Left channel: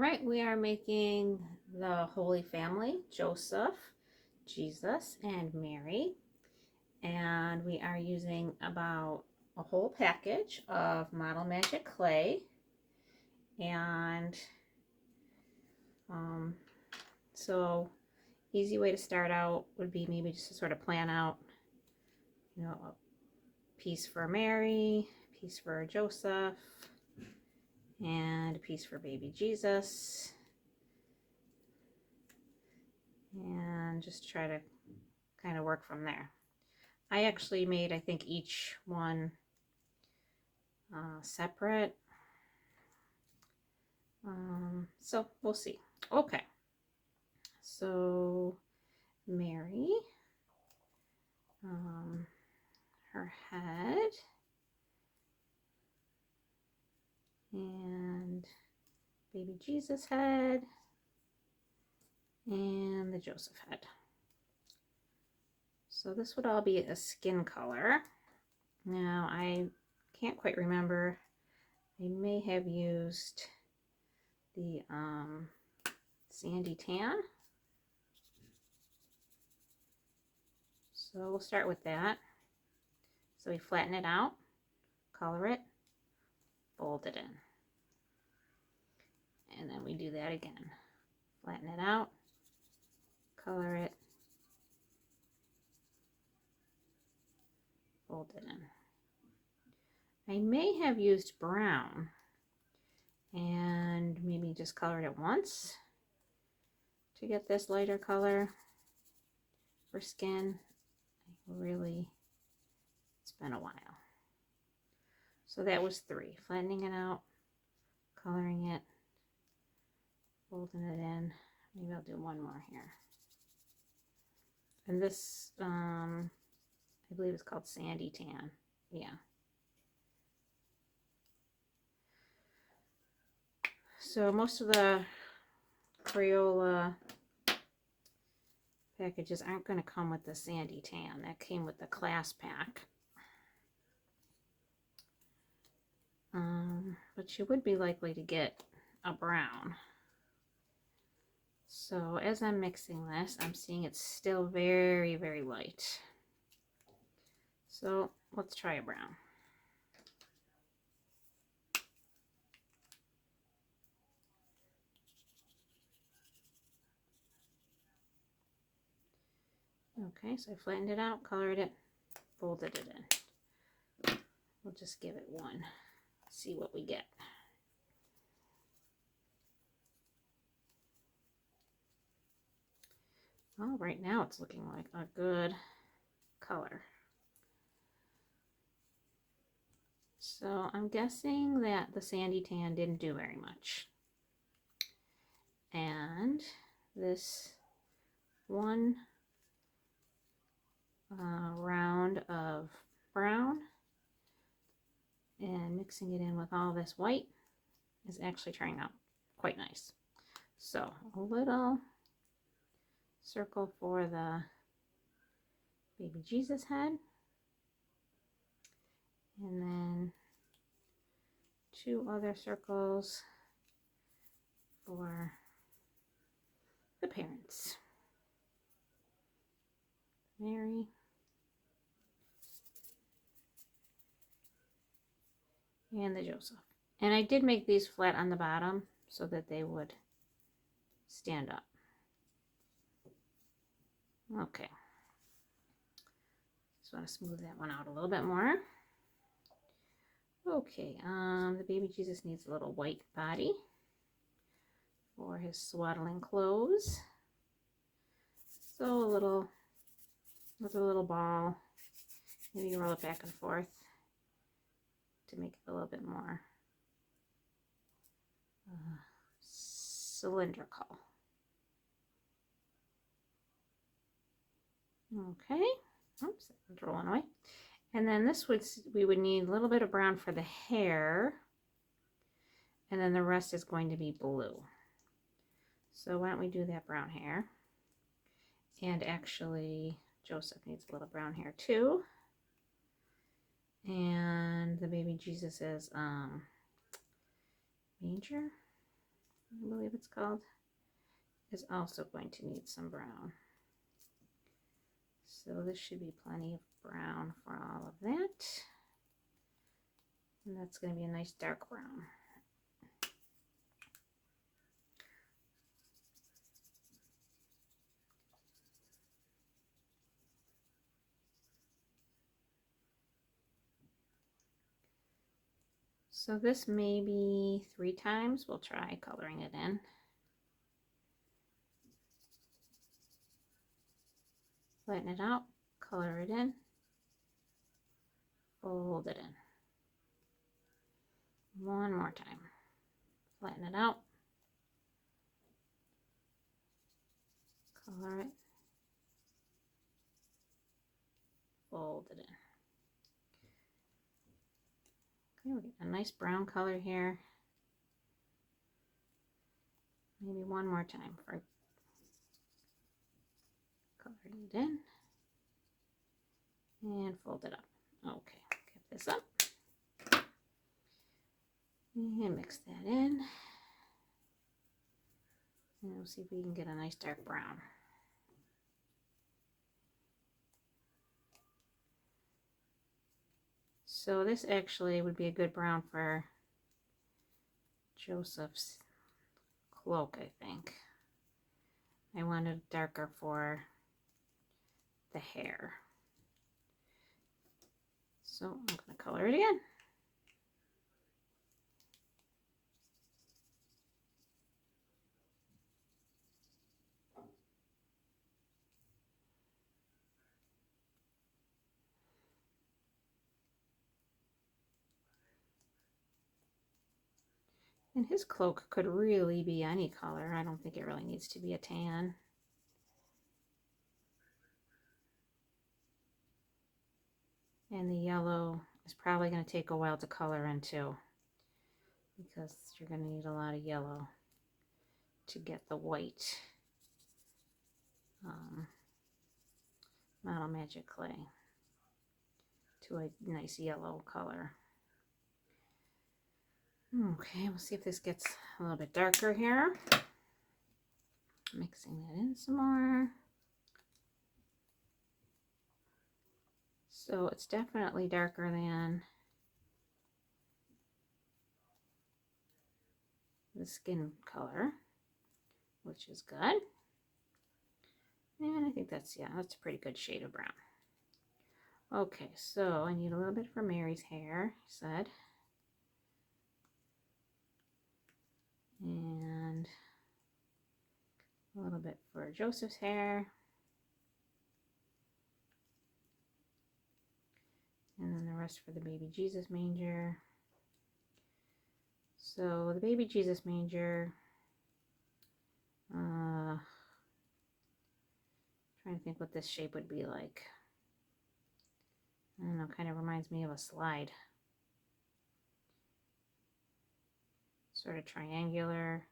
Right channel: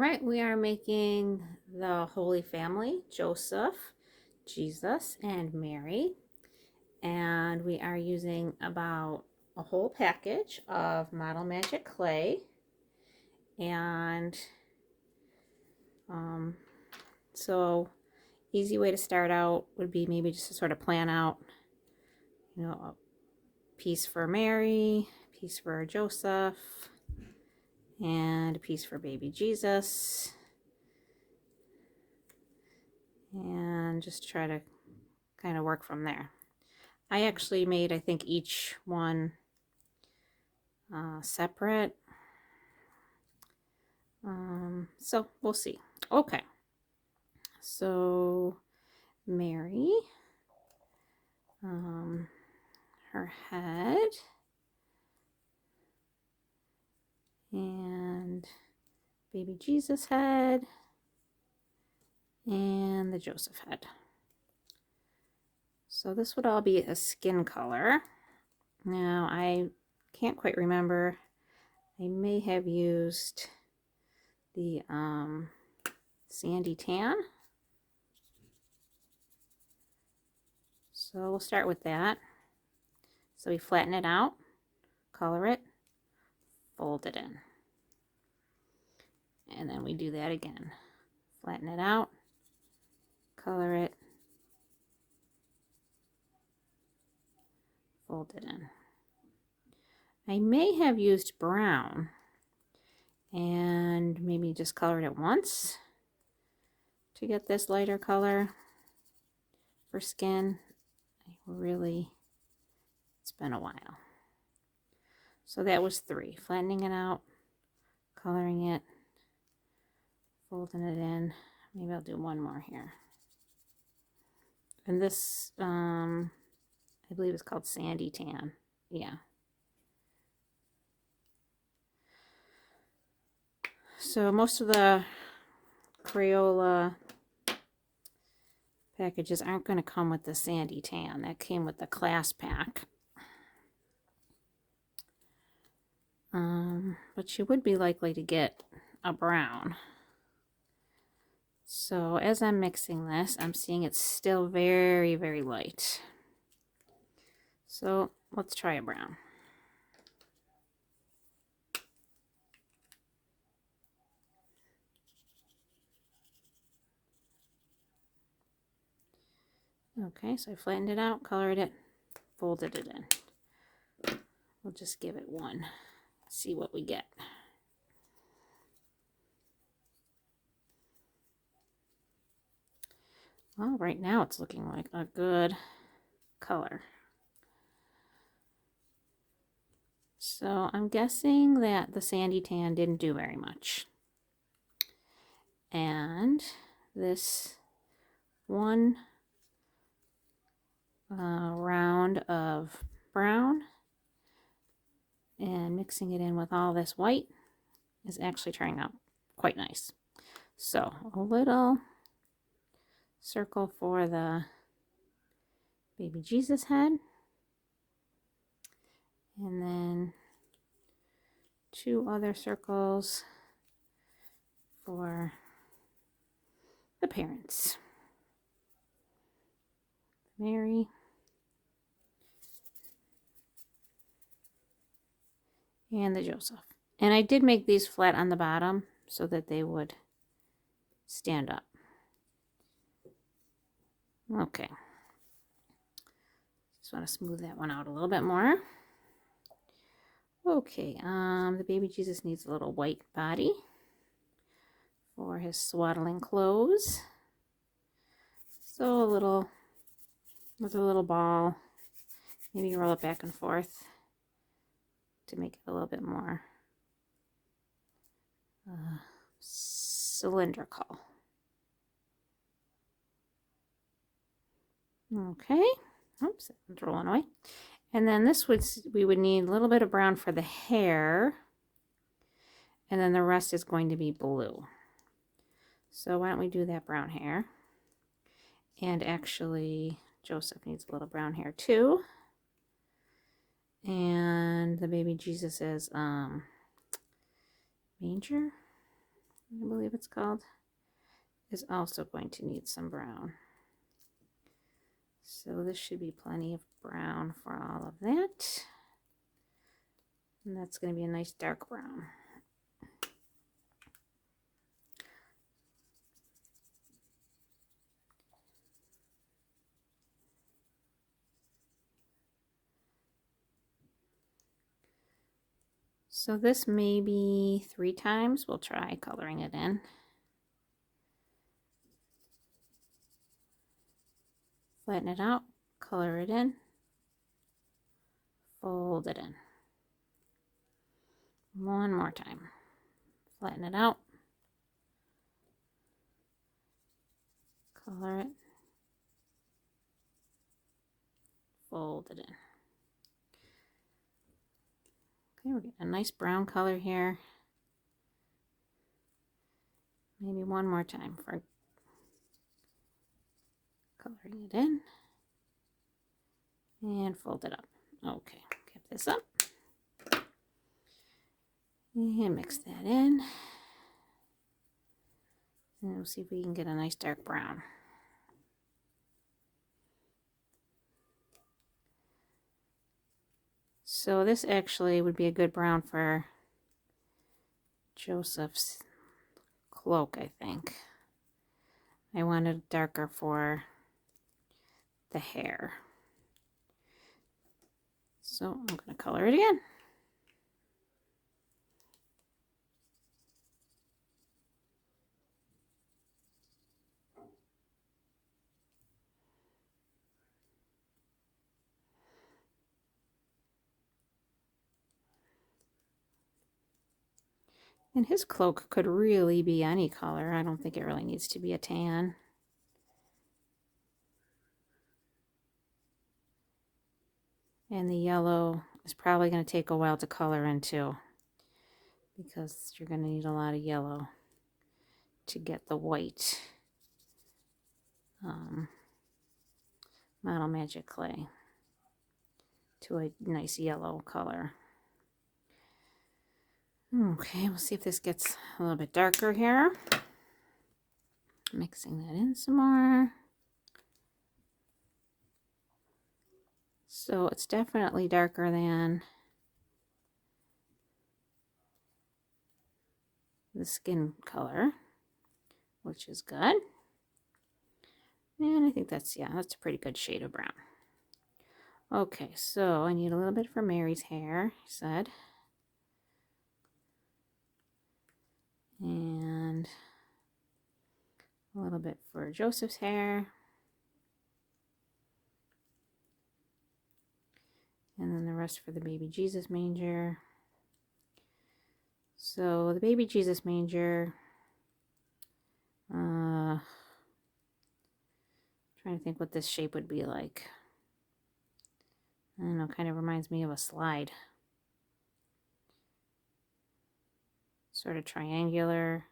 right, we are making the Holy Family, Joseph, Jesus, and Mary. And we are using about a whole package of Model Magic clay. And so easy way to start out would be maybe just to sort of plan out, a piece for Mary, a piece for Joseph, and a piece for baby Jesus. And just try to kind of work from there. I actually made, I think, each one separate. So we'll see. Okay. So Mary, her head, and baby Jesus head, and the Joseph head. So this would all be a skin color. Now I can't quite remember. I may have used the sandy tan. So we'll start with that. So we flatten it out, color it, fold it in. And then we do that again. Flatten it out, color it, fold it in. I may have used brown and maybe just colored it once to get this lighter color for skin. It's been a while. So that was 3. Flattening it out, coloring it, folding it in. Maybe I'll do one more here. And this, I believe it's called sandy tan. Yeah. So most of the Crayola packages aren't going to come with the sandy tan. That came with the class pack. But you would be likely to get a brown. So as I'm mixing this, I'm seeing it's still very, very light. So let's try a brown. Okay, so I flattened it out, colored it, folded it in. We'll just give it one, see what we get. Well, right now it's looking like a good color. So I'm guessing that the sandy tan didn't do very much. And this one round of brown and mixing it in with all this white is actually turning out quite nice. So a little circle for the baby Jesus head, and then 2 other circles for the parents, Mary and the Joseph. And I did make these flat on the bottom so that they would stand up. Okay. Just want to smooth that one out a little bit more. Okay, the baby Jesus needs a little white body for his swaddling clothes. So with a little ball, maybe you roll it back and forth to make it a little bit more cylindrical. Okay, oops, it's rolling away. And then we would need a little bit of brown for the hair, and then the rest is going to be blue. So why don't we do that brown hair? And actually, Joseph needs a little brown hair too. And the baby Jesus is manger, I believe called, is also going to need some brown. So this should be plenty of brown for all of that. And that's going to be a nice dark brown. So this may be 3 times. We'll try coloring it in. Flatten it out, color it in, fold it in. One more time. Flatten it out, color it, fold it in. Okay, we're getting a nice brown color here. Maybe one more time for coloring it in and fold it up. Okay, get this up and mix that in. And we'll see if we can get a nice dark brown. So this actually would be a good brown for Joseph's cloak, I think. I wanted darker for the hair. So I'm going to color it in. And his cloak could really be any color. I don't think it really needs to be a tan. And the yellow is probably going to take a while to color in too, because you're going to need a lot of yellow to get the white Model Magic clay to a nice yellow color. Okay, we'll see if this gets a little bit darker here. Mixing that in some more. So it's definitely darker than the skin color, which is good. And I think that's, yeah, that's a pretty good shade of brown. Okay, so I need a little bit for Mary's hair, I said. And a little bit for Joseph's hair. And then the rest for the baby Jesus manger. So the baby Jesus manger, trying to think what this shape would be like. I don't know, kind of reminds me of a slide. Sort of triangular.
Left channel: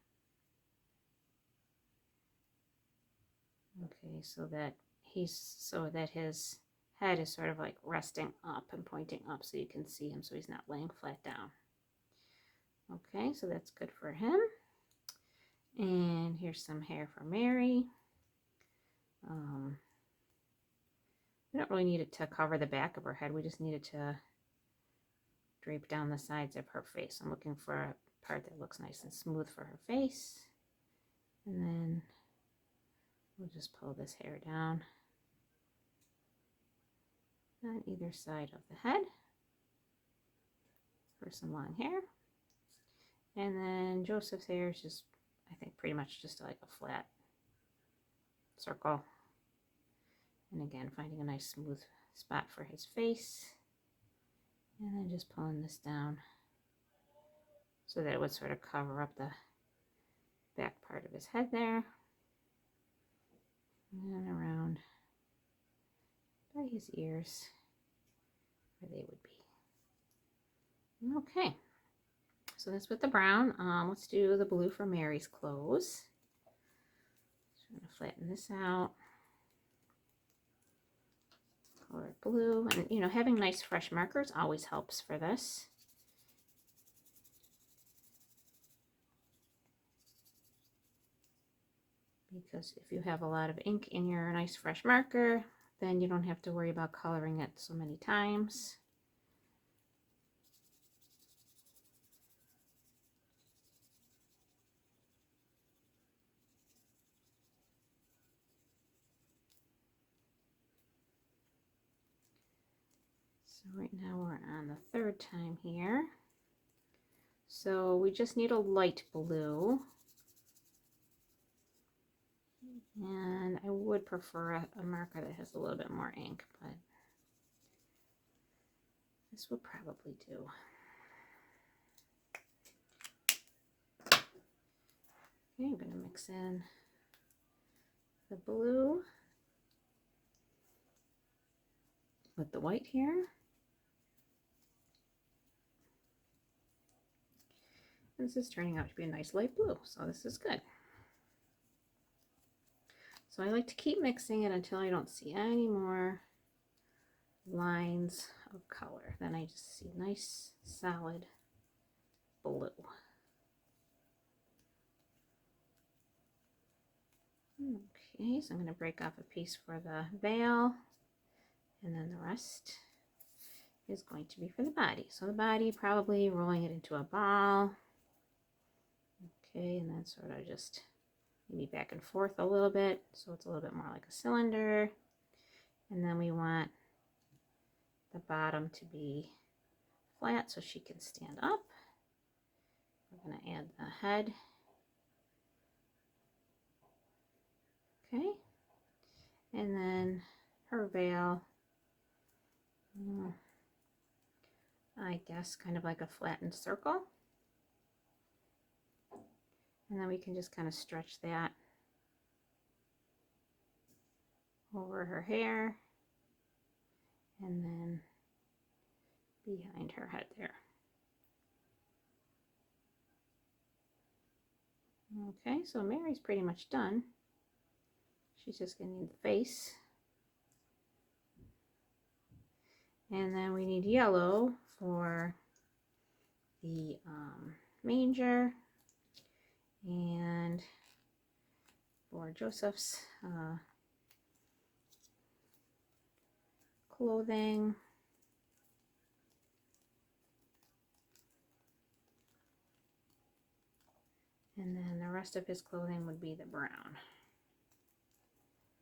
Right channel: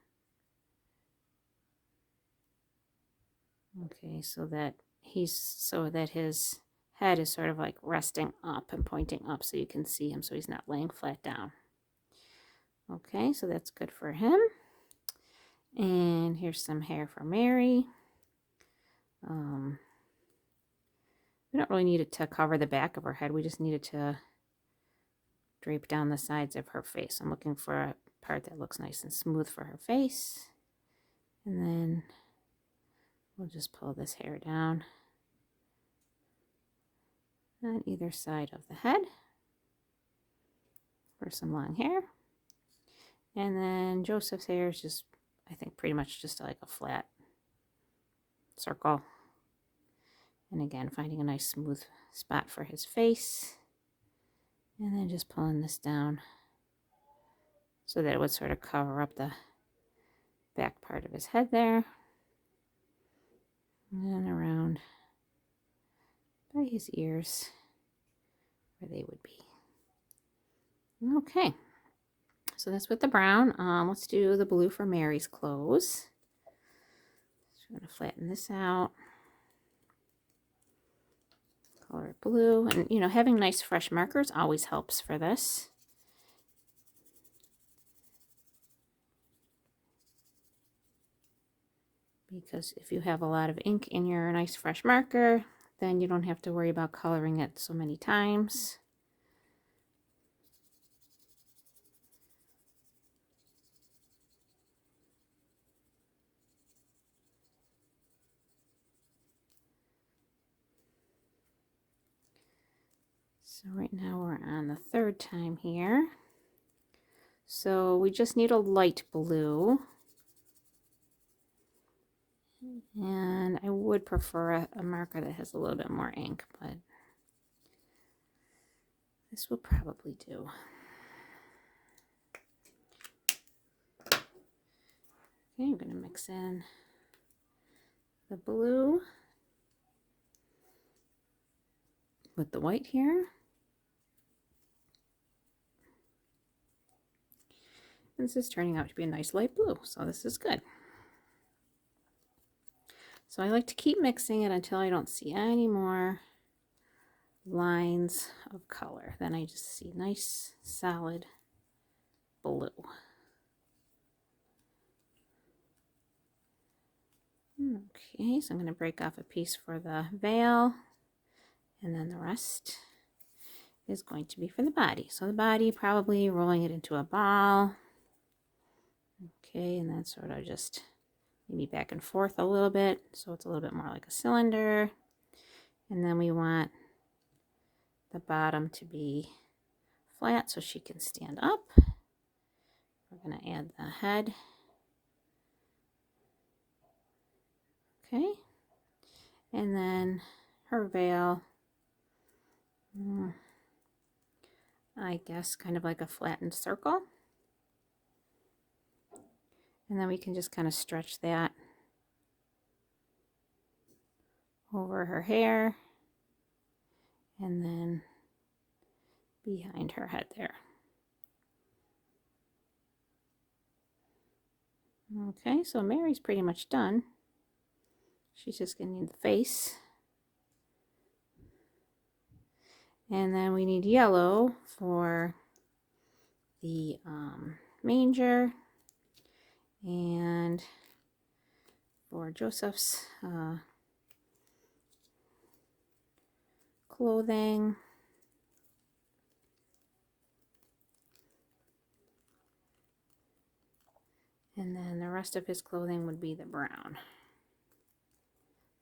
Okay, so that his head is sort of like resting up and pointing up so you can see him, so he's not laying flat down. Okay, so that's good for him. And here's some hair for Mary. We don't really need it to cover the back of her head. We just need it to drape down the sides of her face. I'm looking for a part that looks nice and smooth for her face. And then we'll just pull this hair down on either side of the head for some long hair. And then Joseph's hair is just, I think, pretty much just like a flat circle. And again, finding a nice smooth spot for his face. And then just pulling this down so that it would sort of cover up the back part of his head there. And then around by his ears where they would be. Okay, so that's with the brown. Let's do the blue for Mary's clothes. So I'm going to flatten this out. Color it blue. And, you know, having nice fresh markers always helps for this. because if you have a lot of ink in your nice fresh marker, then you don't have to worry about coloring it so many times. So right now we're on the third time here. So we just need a light blue. And I would prefer a marker that has a little bit more ink, but this will probably do. Okay, I'm going to mix in the blue with the white here. This is turning out to be a nice light blue, so this is good. So I like to keep mixing it until I don't see any more lines of color. Then I just see nice solid blue. Okay, so I'm going to break off a piece for the veil, and then the rest is going to be for the body. So the body, probably rolling it into a ball. Okay, and then sort of just maybe back and forth a little bit, so it's a little bit more like a cylinder. And then we want the bottom to be flat so she can stand up. We're going to add the head. Okay, and then her veil, I guess kind of like a flattened circle. And then we can just kind of stretch that over her hair and then behind her head there. Okay, so Mary's pretty much done. She's just going to need the face. And then we need yellow for the manger and for Joseph's clothing. And then the rest of his clothing would be the brown,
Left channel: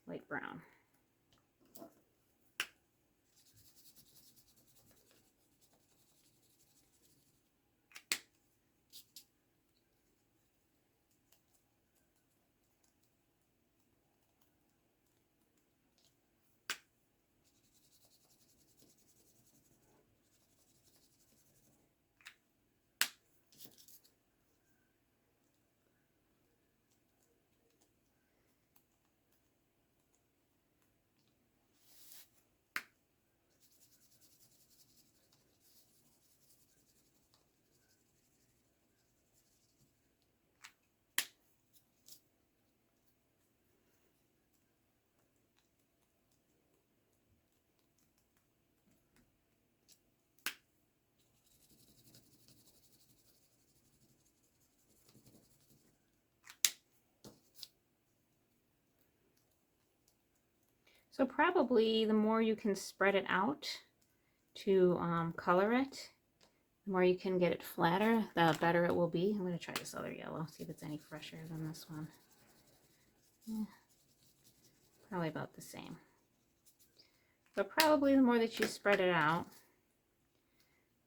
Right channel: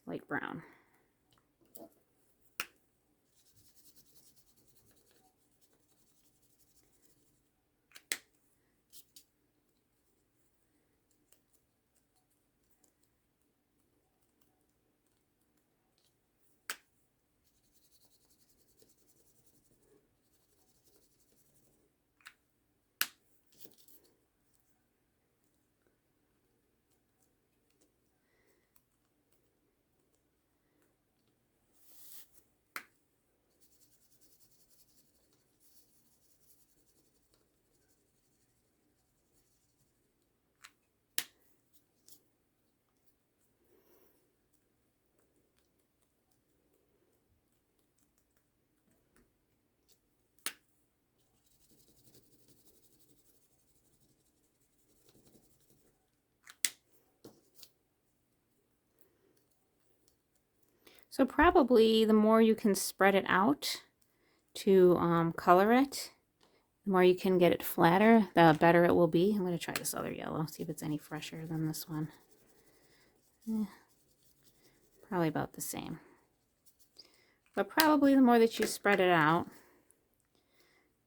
light brown. So probably the more you can spread it out to color it, the more you can get it flatter, the better it will be. I'm going to try this other yellow, see if it's any fresher than this one. Probably about the same. But probably the more that you spread it out,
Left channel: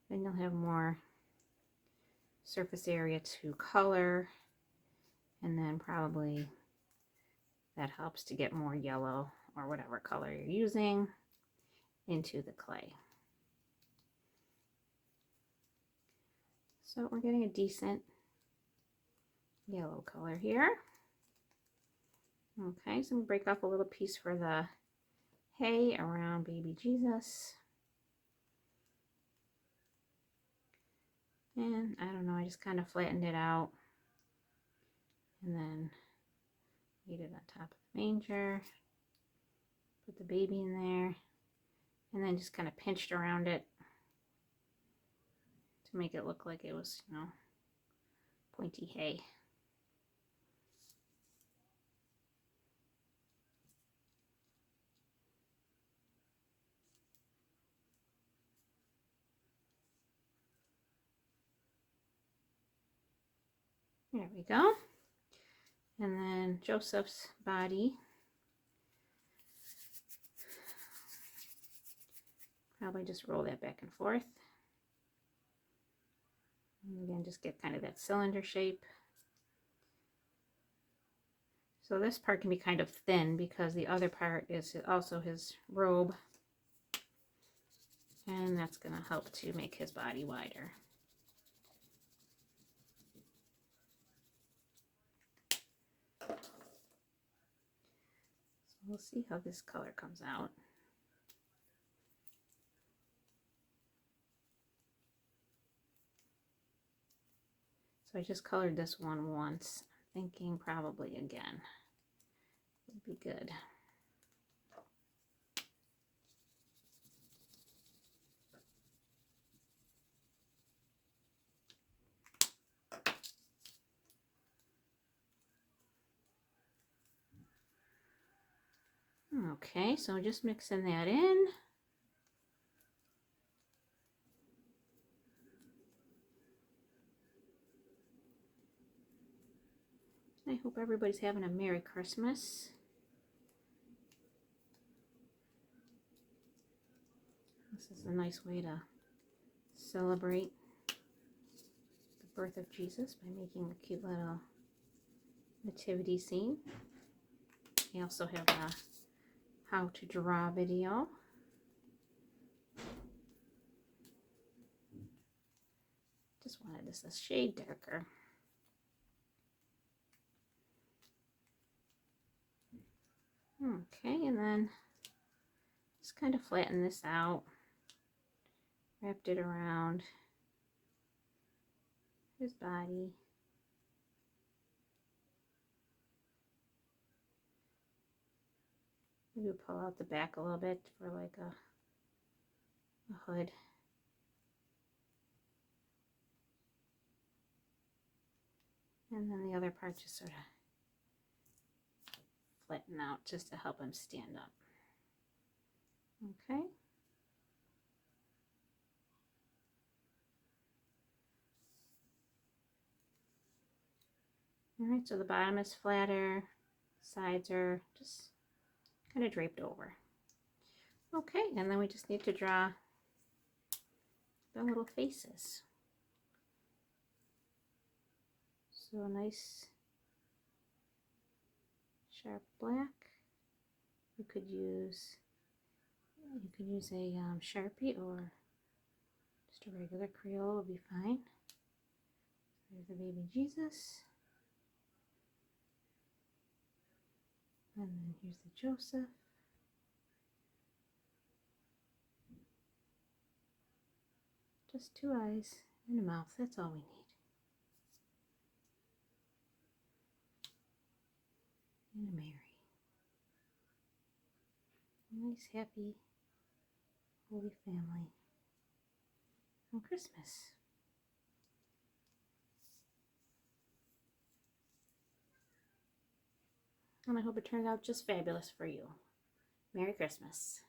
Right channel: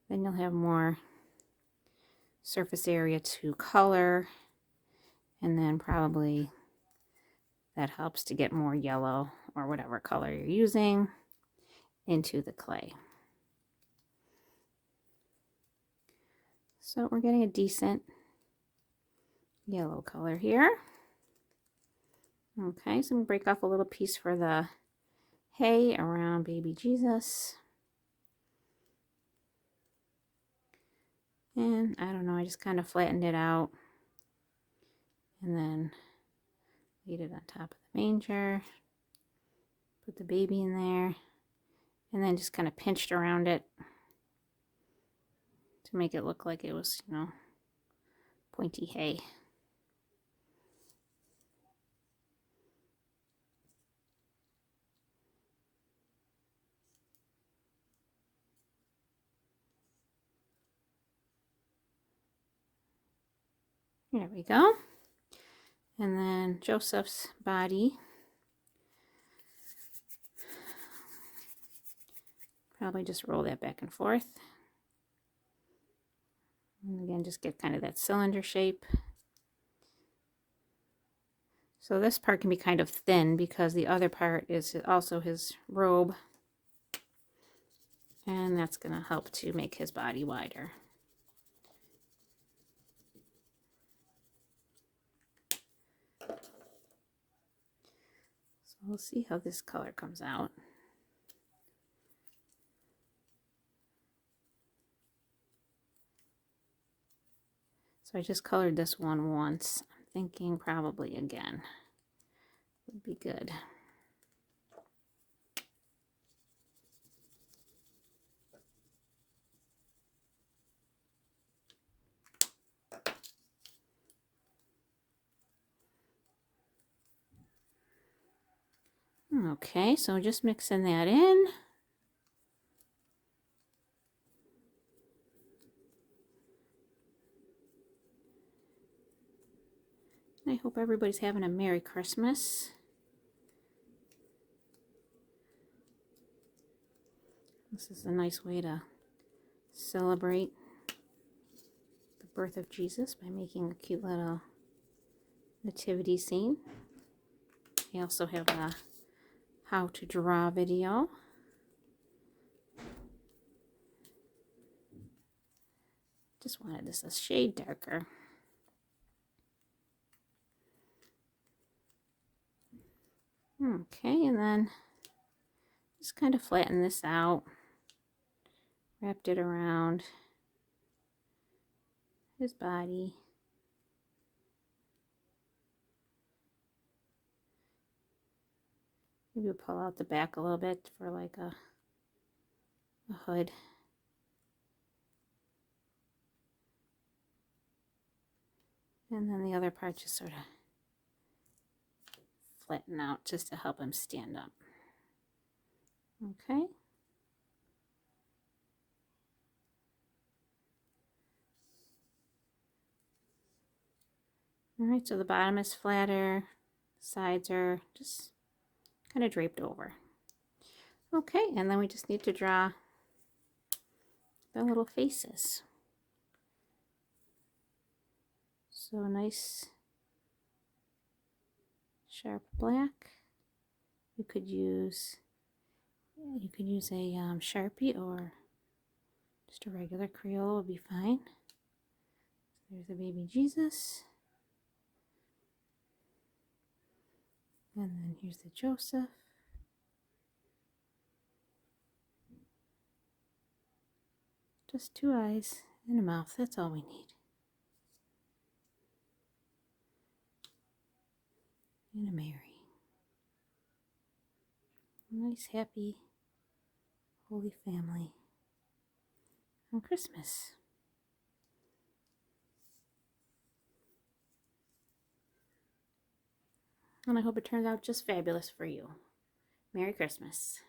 then you'll have more surface area to color, and then probably that helps to get more yellow or whatever color you're using into the clay. So we're getting a decent yellow color here. Okay, so I'm going to break off a little piece for the hay around baby Jesus. And I don't know, I just kind of flattened it out and then laid it on top of the manger. Put the baby in there and then just kind of pinched around it to make it look like it was, you know, pointy hay. There we go. And then Joseph's body. Probably just roll that back and forth. And again, just get kind of that cylinder shape. So this part can be kind of thin because the other part is also his robe. And that's going to help to make his body wider. So we'll see how this color comes out. So I just colored this one once. I'm thinking probably again would be good. Okay, so just mixing that in. I hope everybody's having a Merry Christmas. This is a nice way to celebrate the birth of Jesus by making a cute little nativity scene. We also have a how to draw video. Just wanted this a shade darker. Okay, and then just kind of flatten this out. Wrapped it around his body. Maybe pull out the back a little bit for like a hood. And then the other part just sort of flatten out just to help him stand up. Okay. All right, so the bottom is flatter, sides are just kind of draped over. Okay, and then we just need to draw the little faces. So a nice sharp black. You could use a Sharpie, or just a regular Crayola would be fine. There's the baby Jesus. And then here's the Joseph. Just two eyes and a mouth, that's all we need. And a Mary. A nice, happy, holy family on Christmas. And I hope it turns out just fabulous for you. Merry Christmas.